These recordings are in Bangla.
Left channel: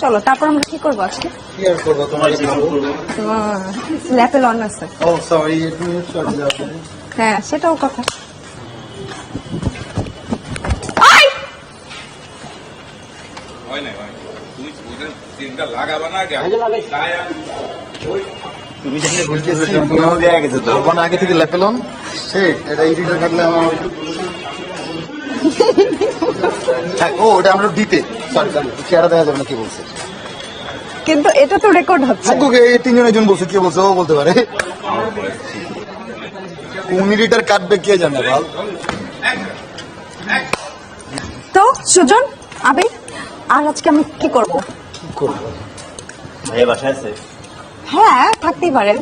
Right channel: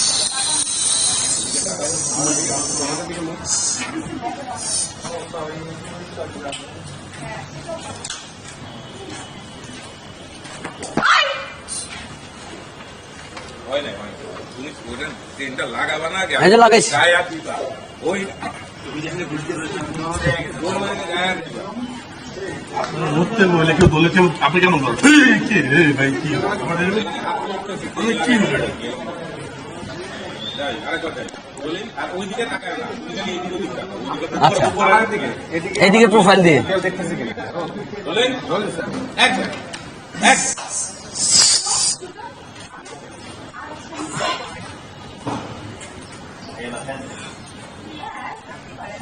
চলো তারপর আমরা কি করব আজকে? ল্যাপেল অন আছে হ্যাঁ সেটাও কথা হয় হয়। তুমি ওদের তিনটা লাগাবা না যে এই যে লাগাইছি। গায়ে হাত দিবা। ওই তুমি সেটা বুঝতেছো তোমার দেয়া গেছে তো কোন আগে থেকে লেপেলন সে এটা ইডিট বলেছেন আপনি কেমন করেন ও ওটা আমরা দিতে। চেহারা দেখা যাবে না কি বলছে? কিন্তু এটা তো রেকর্ড হচ্ছে। তোকে এই তিনজন একজন বলছে কি বলছে ও বলতে পারে। এইদিকে প্রোফাইল দিয়ে। মিনিটার কাটবে কে জানে ভাব। তো সুজন আবি আর আজকে আমি কি করব? ভাইয়া বাসায় আছে? হ্যাঁ থাকতেই পারে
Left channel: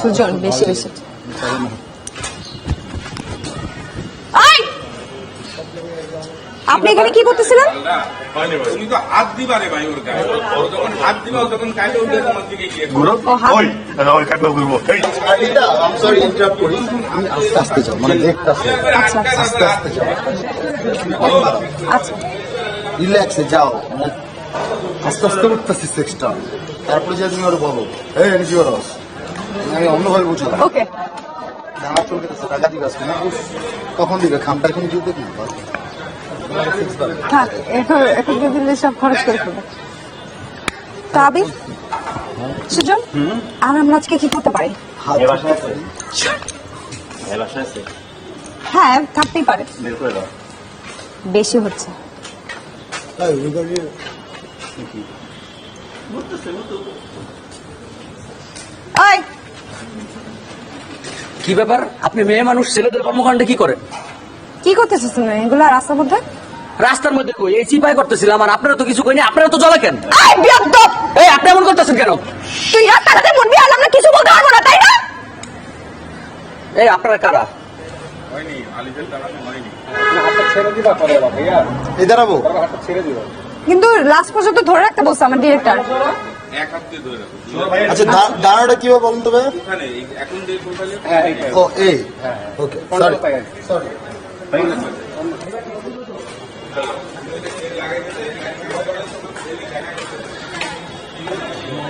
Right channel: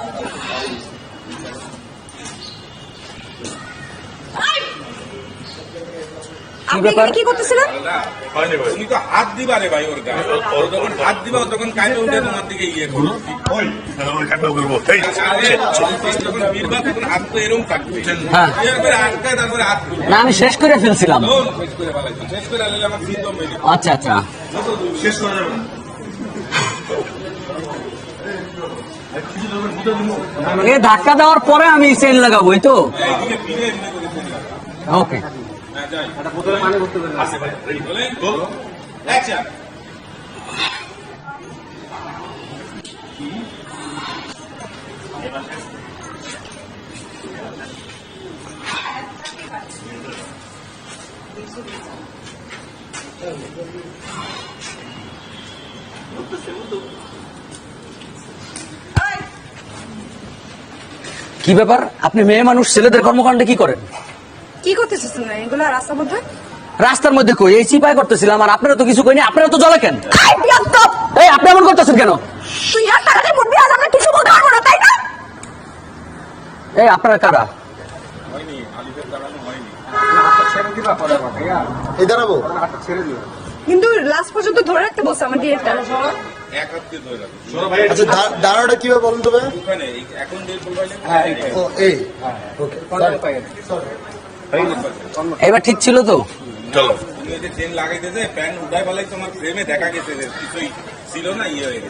সুজন বেশি বেশি আই! আপনি এখানে কি করতেছিলেন? না, তুমি তো হাত দিবা রে ভাই ওর গায়ে ও যখন হাত দিবা তখন গায়ে উঠে তোমার দিকে গিয়ে ঘুরো ওই ওই কাটবে ঘুরবো এই না আমি শেষ করে ফেলছিলাম। আচ্ছা রিল্যাক্সে যাও। আচ্ছা আচ্ছা। শেষ কষ্ট সেক্সটা তারপরে যে তুমি আরও বলো এই আমি কি বলো আমি অন্যভাবে বুঝি এই ধাক্কা দেওয়ার পরে আমি চেন লাগাবো এই তো। তখন দিবে খামটার কিন্তু ওকে থাক এটা এটা দিলে সব খরচ শেষ হবে সুজন আর আমরা আজকে কি করতে পারি? হ্যাঁ থাকতেই পারে। বেশি হচ্ছে। কি ব্যাপার? আপনি মেয়ে মানুষ ছেলেদের কর্মকাণ্ডে কি করেন? কি করতেছিস তুমি? এগুলো রাস্তার মধ্যে? রাস্তার মধ্যে কই? এই চিপাই করতেছিলাম আর আপনারা তো কিছু করেনি আপনারা তো জলে কেন? এই আপনি এমন করতেছেন কেন? তুই রাস্তাঘাটে বলবি আর আমরা কিছু বলতে পারব না তাই না? এই আপনারা কারা? এই দাঁড়াবো কিন্তু লাস্ট পর্যন্ত ধরে রাখতে বলছে আমার ডিরেক্টর আচ্ছা দাঁড়াটা কীভাবে বলুন তো ভাই? এখানে এই- এখন যে প্রোফাইলে ও এই। ওকে এবার ঠিক ছিল দেখা গেছে না ইয়ে হয়ে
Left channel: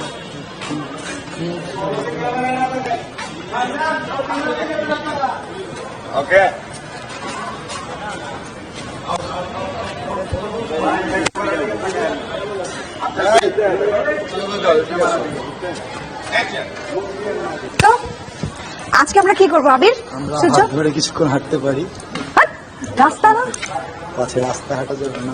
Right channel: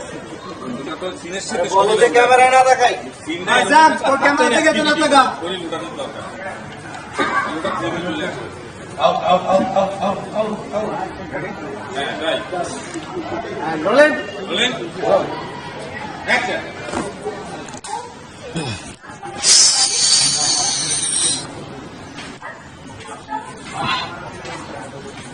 ওকে তো আজকে আমরা কি করব আবির? কিছুক্ষণ হাঁটতে পারি। রাস্তা না? রাস্তা হাঁটা যাবে না